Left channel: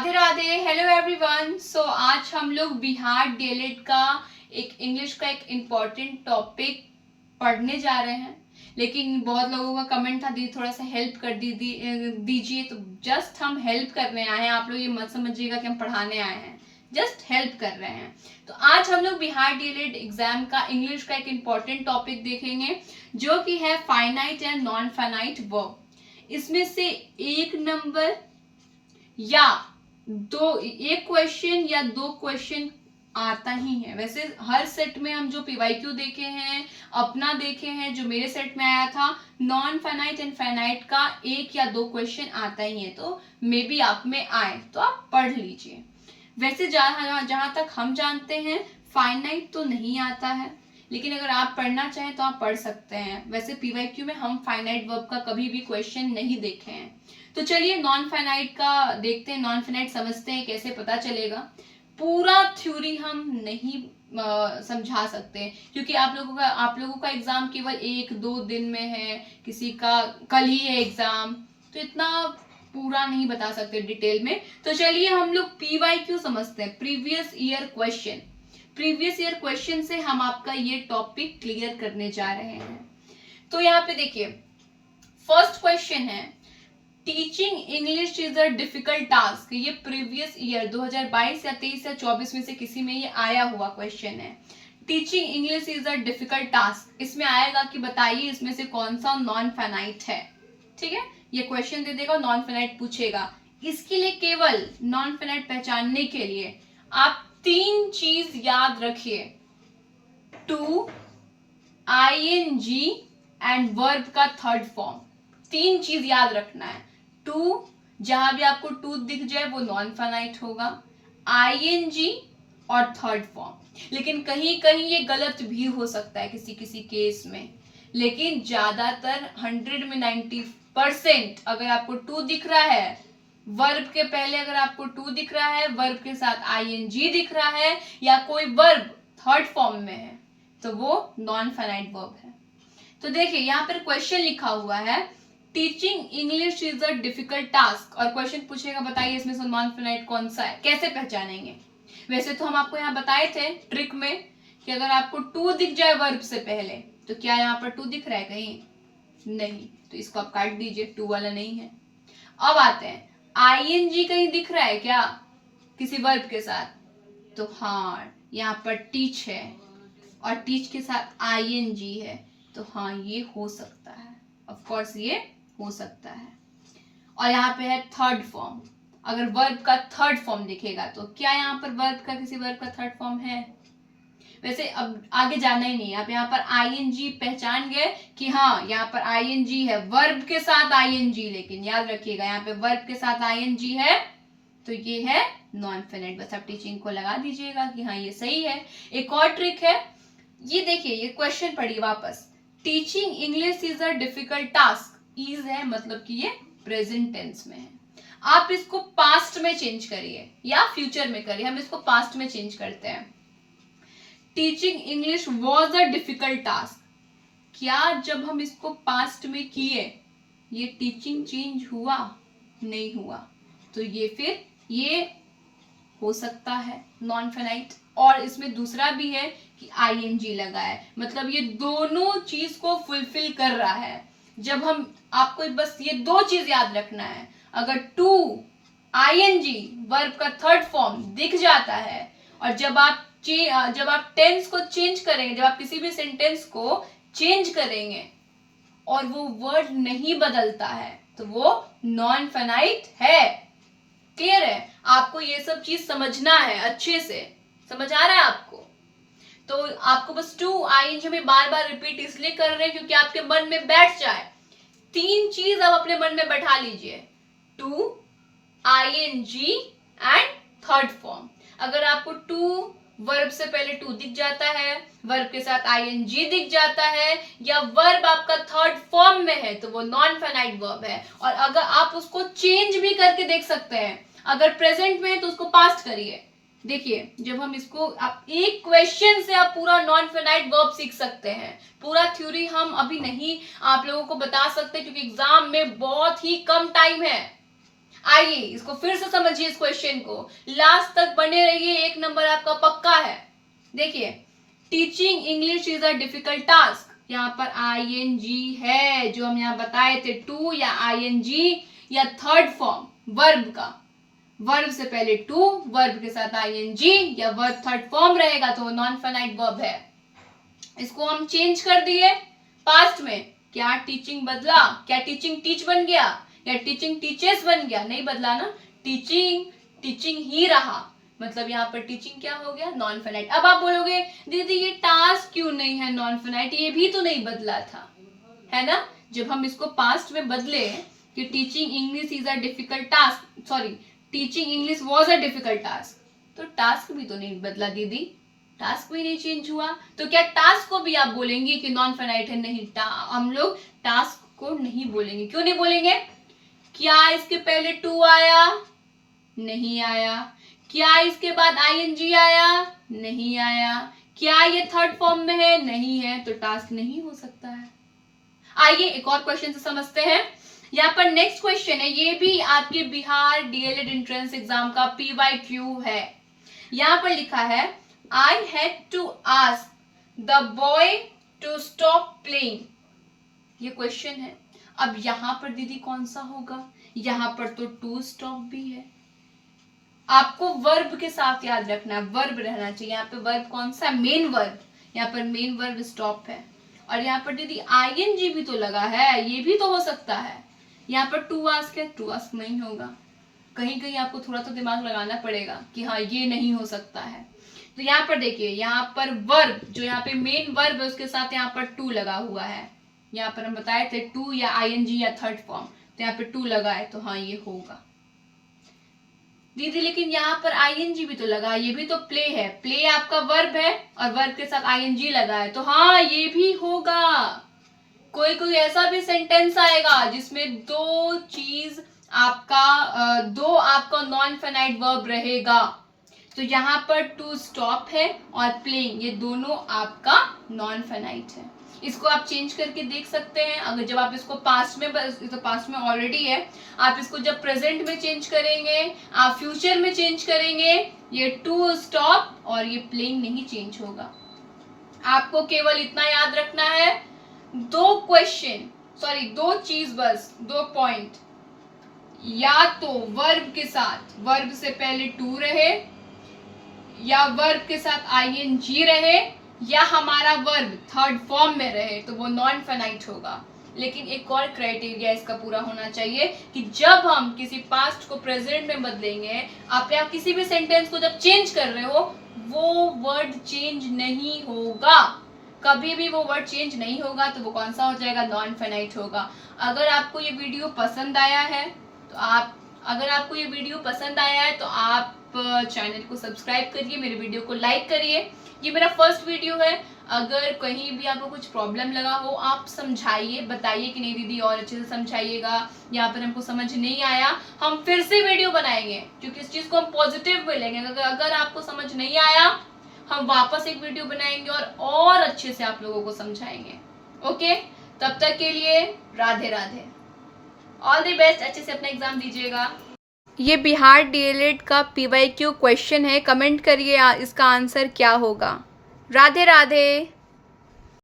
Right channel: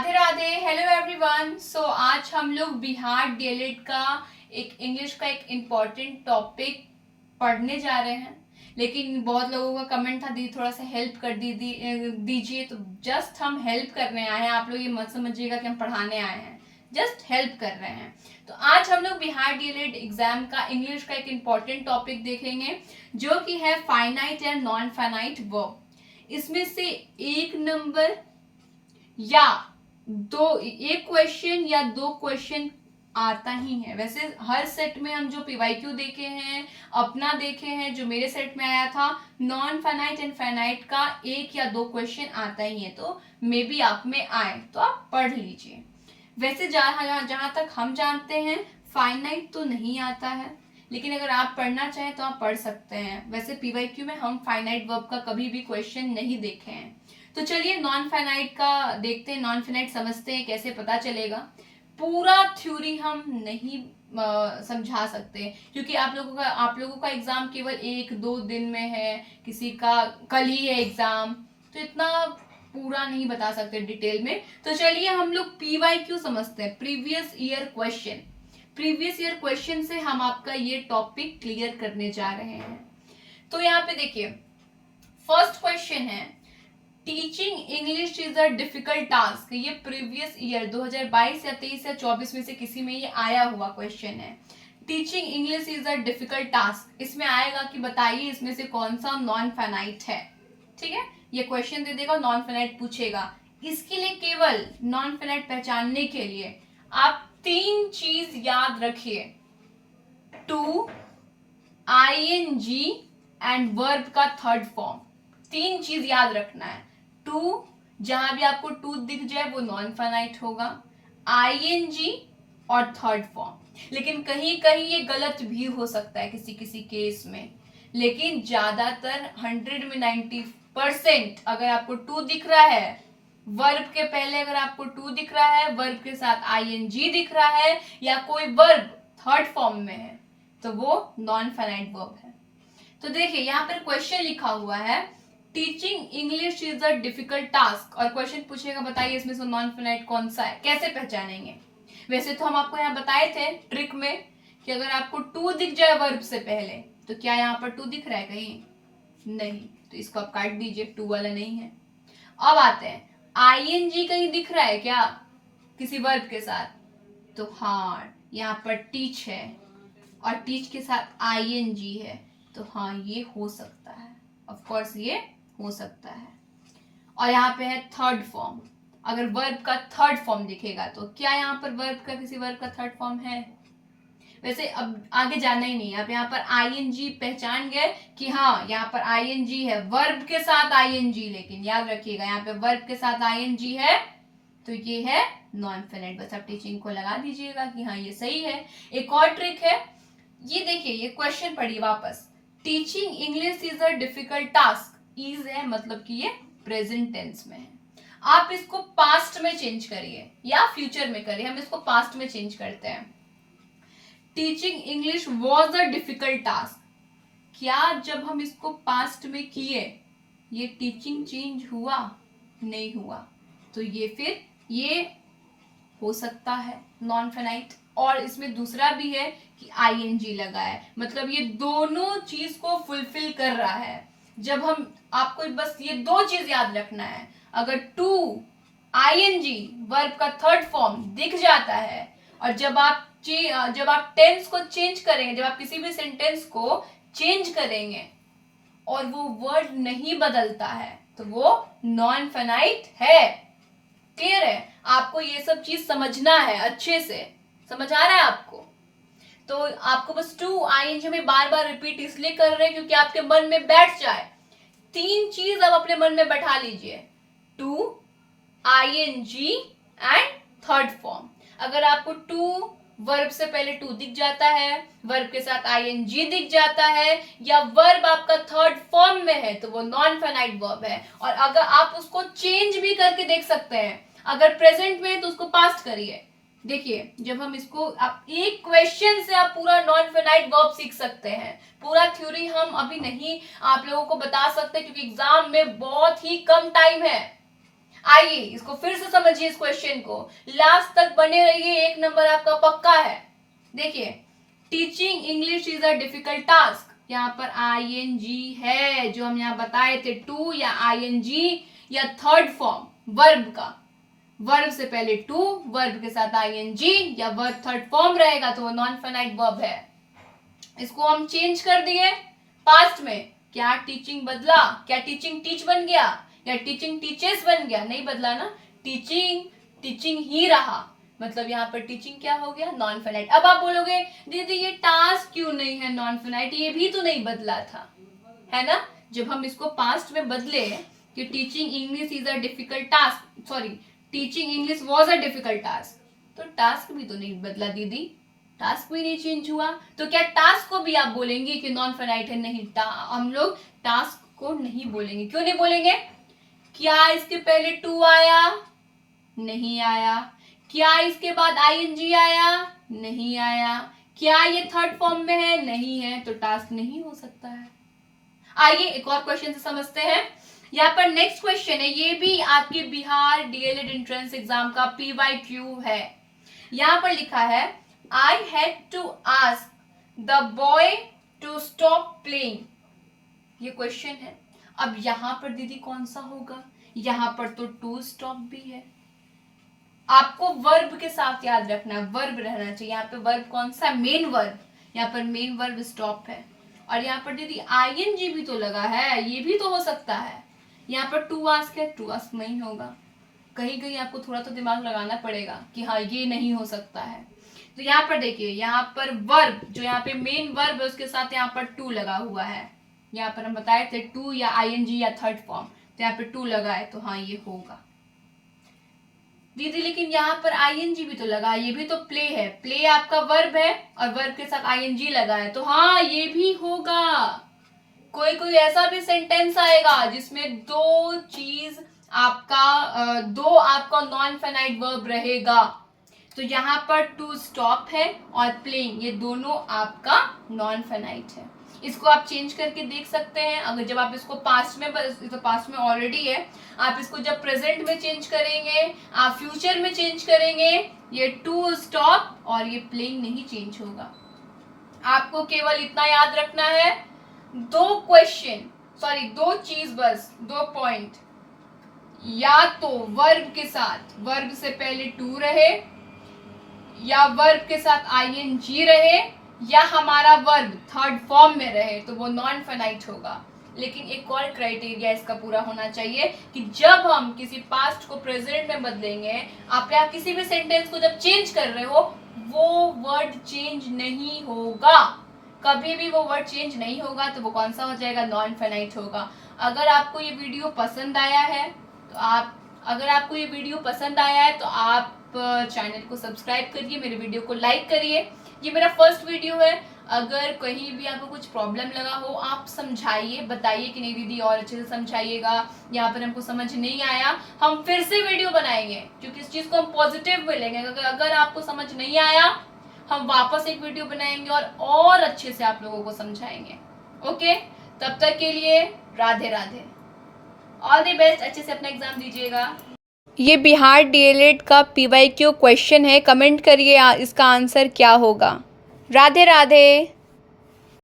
Radhe Radhe, hello everyone. So आज हम लोग बिहार डीएलएड का एक इंग्लिश का एक इम्पॉर्टेंट टॉपिक पढ़ने जा रहे हैं। लेकिन बहुत लोगों का कमेंट था दीदी थोड़ा सा हेल्प कर दीजिए। तो जस्ट हम हेल्प करने आए हैं, आप लोग ये मत समझिएगा कि हम पढ़ाने आए हैं, जस्ट हेल्प कर रहे हैं। तो आज हम लोग बिहार डीएलएड एग्जाम का इंग्लिश का एक इम्पॉर्टेंट टॉपिक देखेंगे जो कि है finite and non finite verb. इसमें से एक नंबर या एक क्वेश्चन या दो क्वेश्चन आता ही है। वैसे हर सेट में हम जो पीवाईक्यू देखे हैं, अपना देखे हैं, जो मेरे सेट में आया था नॉन फाइनाइट एंड फाइनाइट का एक या दो क्वेश्चन आता ही है। तो मे बी आप में आए तो आप पढ़ लीजिए। वैसे जहां तक हम जानते हैं फाइनाइट तो नहीं आता है, लेकिन अगर आप पढ़ना चाहें तो आप पढ़ सकते हैं। वैसे पीवाईक्यू में हम फाइनाइट वर्ब का कभी भी क्वेश्चन नहीं देखे हैं। तो चलिए नॉन फाइनाइट का देखते हैं, नॉन फाइनाइट समझते हैं, कैसे पता चलेगा। पूरा थ्योरी हम नहीं समझा सकते क्योंकि आप लोगों का एग्जाम केवल एक दो दिन में है, किसी का कल ही है एग्जाम, तो इतना पूरा नहीं बता सकते डिटेल में। तो चलिए हम लोग पीवाईक्यू समझते हैं, previous year question. Previous year question से हम आपका ये टॉपिक क्लियर करने जा रहे हैं। तो यहाँ पे देखिए फर्स्ट क्वेश्चन है, teaching English is a difficult task. ये प्रीवियस ईयर 2022 या 23 या 24 में से किसी में ये आया हुआ क्वेश्चन है। Teaching English is a difficult task, इसमें आएगा कि बताइए इसमें से कौन सा नॉन फाइनाइट है। ठीक है, ये क्वेश्चन दे देगा, नॉन फाइनाइट पूछेगा। इसके लिए केवल नॉन फाइनाइट पहचानने के लिए आप तीन चीज याद रखिए, टू, आईएनजी एंड वर्ब का थर्ड फॉर्म। तीन चीज याद रखना है। टू, जहां भी आपको टू दिख जाए वो नॉन फाइनाइट होगा, आईएनजी और थर्ड फॉर्म। लेकिन कहीं कहीं ये गलत भी हो सकता है किसी किसी केस में, लेकिन ज्यादातर 100 में 90% अगर आपको टू दिख रहा है, वर्ब के पहले अगर आपको टू दिख रहा है, वर्ब के साथ आईएनजी दिख रहा है, या कोई वर्ब थर्ड फॉर्म में है, तो वो नॉन फाइनाइट वर्ब है। तो देखिए यहाँ पर क्वेश्चन लिखा हुआ है, teaching English is a difficult task, और क्वेश्चन पूछेगा बताइए इसमें से नॉन फाइनाइट कौन सा है, कैसे पहचानेंगे। वैसे तो हम आपको यहाँ बताए थे ट्रिक में कि अगर आपको टू दिख जाए वर्ब से पहले, तो क्या यहाँ पर टू दिख रहा है कहीं? नहीं, तो इसको आप काट दीजिए, टू वाला नहीं है। अब आते हैं, आईएनजी कहीं दिख रहा है क्या किसी वर्ब के साथ? तो हाँ, यहाँ पर टीच है और टीच के साथ आईएनजी है, तो हाँ ये हो सकता है, ऑफ कोर्स ये हो सकता है। और यहाँ पे है थर्ड फॉर्म, अगर वर्ब का थर्ड फॉर्म दिखेगा तो क्या यहाँ पर वर्ब का किसी वर्ब का थर्ड फॉर्म है? वैसे अब आगे जाना ही नहीं है, आप यहाँ पर आईएनजी पहचान गए कि हाँ यहाँ पर आईएनजी है, वर्ब के साथ आईएनजी, लेकिन याद रखिएगा यहाँ पे वर्ब के साथ आईएनजी है तो ये है नॉन फाइनाइट। बस आप टीचिंग को लगा दीजिएगा कि हाँ ये सही है। एक और ट्रिक है, ये देखिए ये क्वेश्चन पढ़िए वापस, teaching English is a difficult task. Is है मतलब कि ये प्रेजेंट टेंस में है, आप इसको पास्ट में चेंज करिए या फ्यूचर में करिए, हम इसको पास्ट में चेंज करते हैं। Teaching English was a difficult task, क्या जब हम इसको पास्ट में किए ये टीचिंग चेंज हुआ? नहीं हुआ, तो ये फिर ये हो सकता है नॉन फाइनाइट। और इसमें दूसरा भी है कि आईएनजी लगा है, मतलब ये दोनों चीज को फुलफिल कर रहा है। जब हम आपको बस ये दो चीज याद रखना है, अगर टू आईएनजी वर्ब का थर्ड फॉर्म दिख जाता है, और जब आप टेंस को चेंज करेंगे, जब आप किसी भी सेंटेंस को चेंज करेंगे और वो वर्ड नहीं बदलता है, तो वो नॉन फाइनाइट है। क्लियर है? आपको ये सब चीज समझना है, अच्छे से समझ आ रहा है आपको? तो आपको बस टू आईएनजी में बार बार रिपीट इसलिए कर रहे हैं क्योंकि आपके मन में बैठ जाए। तीन चीज आप अपने मन में बैठा लीजिए, two, I N G and third form. अगर आपको टू वर्ब से पहले टू दिख जाता है, वर्ब के साथ आईएनजी दिख जाता है, या वर्ब आपका थर्ड फॉर्म में है, तो वो नॉन फाइनाइट वर्ब है। और अगर आप उसको चेंज भी करके देख सकते हैं, अगर प्रेजेंट में है तो उसको पास्ट करिए। देखिए जब हम इसको आप एक क्वेश्चन से आप पूरा नॉन फाइनाइट वर्ब सीख सकते हैं। पूरा थ्योरी हम अभी नहीं आप लोगों को बता सकते क्योंकि एग्जाम में बहुत ही कम टाइम है। आइए इसको फिर से समझिए, इस क्वेश्चन को लास्ट तक बने रहिए, 1 नंबर आपका पक्का है। देखिए, teaching English is a difficult task, यहाँ पर ing है जो हम यहाँ बताए थे, टू या ing या थर्ड फॉर्म वर्ब का, वर्ब से पहले टू, वर्ब के साथ ing या वर्ब थर्ड फॉर्म रहेगा तो वो नॉन फाइनाइट वर्ब है। इसको हम चेंज कर दिए पास्ट में, क्या टीचिंग बदला? क्या टीचिंग टीच बन गया या टीचिंग टीचेस बन गया? नहीं बदला ना, टीचिंग टीचिंग ही रहा, मतलब यहाँ पर टीचिंग क्या हो गया? Non finite. अब आप बोलोगे दीदी ये टास्क क्यों नहीं है नॉन फाइनाइट, ये भी तो नहीं बदला था, है ना? जब हम इसको पास्ट में बदले कि teaching English is a difficult task, sorry teaching English was a difficult task, तो टास्क भी तो नहीं बदला दीदी, टास्क भी नहीं चेंज हुआ, तो क्या टास्क को भी आप बोलेंगे कि नॉन फाइनाइट है? नहीं, हम लोग टास्क को नहीं बोलेंगे। क्यों नहीं बोलेंगे? क्या इसके पहले टू आया? नहीं आया। क्या इसके बाद ing आया? नहीं आया। क्या ये थर्ड फॉर्म में है? नहीं है, तो टास्क नहीं हो सकता है। आइए एक और क्वेश्चन से समझते हैं। यहाँ पर नेक्स्ट क्वेश्चन है, ये भी आपके बिहार डीएलएड एंट्रेंस एग्जाम का PYQ है। यहाँ पर लिखा है I had to ask the boy to stop playing, ये क्वेश्चन है। अब यहाँ पर दीदी कौन सा होगा? यहाँ पर तो टू स्टॉप भी है, आपको वर्ब के साथ याद रखना है, वर्ब रहना चाहिए। यहाँ पे वर्ब कौन सा? मेन वर्ब, यहाँ पर मेन वर्ब स्टॉप है, और यहाँ पर दीदी ing भी तो लगा है, ये भी तो हो सकता है। यहाँ पर टू आस्क है, टू आस्क नहीं होगा, कहीं कहीं आपको थोड़ा तो दिमाग लगाना पड़ेगा कि हाँ ये नहीं हो सकता है। तो यहाँ पर देखिए, यहाँ पर वर्ब जो यहाँ पे मेन वर्ब है उसके साथ यहाँ पर टू लगा हुआ है, यहाँ पर हम बताए थे टू या ing या थर्ड फॉर्म, तो यहाँ पे टू लगा है, तो हाँ ये होगा। दीदी लेकिन यहाँ पर ing भी तो लगा है, ये भी तो प्ले है, प्ले आपका वर्ब है और वर्ब के साथ ing लगा है, तो हाँ ये भी होगा। कोई कोई ऐसा भी सेंटेंस आएगा जिसमें दो आपका नॉन फाइनाइट वर्ब रहेगा, तो यहाँ पर टू स्टॉप है और प्लेइंग, ये दोनों आपका नॉन फाइनाइट है। इसको आप चेंज करके देख सकते हैं, अगर जब आप इसको पास्ट में, तो पास्ट में ऑलरेडी है, आप इसको जब प्रेजेंट में चेंज करेंगे, आप फ्यूचर में चेंज करेंगे, ये टू स्टॉप और ये प्लेइंग नहीं चेंज होगा। आपको केवल इतना याद रखना है, दो चीज बस, 2 पॉइंट, या तो वर्ब के साथ, वर्ब से पहले टू रहे, या वर्ब के साथ ing रहे, या हमारा वर्ब थर्ड फॉर्म में रहे, तो वो नॉन फाइनाइट होगा। लेकिन एक और क्राइटेरिया इसका पूरा होना चाहिए कि जब हम किसी पास्ट को प्रेजेंट में बदलेंगे, आप या किसी भी सेंटेंस को जब चेंज कर रहे हो, वो वर्ड चेंज नहीं होगा, कभी भी वो वर्ड चेंज नहीं होगा, तो वो कौन सा हो जाएगा? नॉन फाइनाइट होगा। अगर आपको ये वीडियो पसंद आया है तो आप चैनल को सब्सक्राइब करिए, मेरे वीडियो को लाइक करिए। ये मेरा फर्स्ट वीडियो है, अगर कहीं भी आपको कुछ प्रॉब्लम लगा हो आप समझाइए, बताइए कि नहीं दीदी और अच्छे से समझाइएगा, यहाँ पर हमको समझ नहीं आया, हम फिर से वीडियो बनाएंगे, क्योंकि इस चीज को हम पॉजिटिव में लेंगे। अगर आपको समझ नहीं आया, हम वापस एक वीडियो बनाएंगे और अच्छे से आप लोगों को समझाएंगे। ओके, तब तक के लिए Radhe Radhe, all the best, अच्छे से अपना एग्जाम दीजिएगा। ये बिहार डीएलएड का PYQ क्वेश्चन है, कमेंट करिए इसका आंसर क्या होगा। राधे राधे।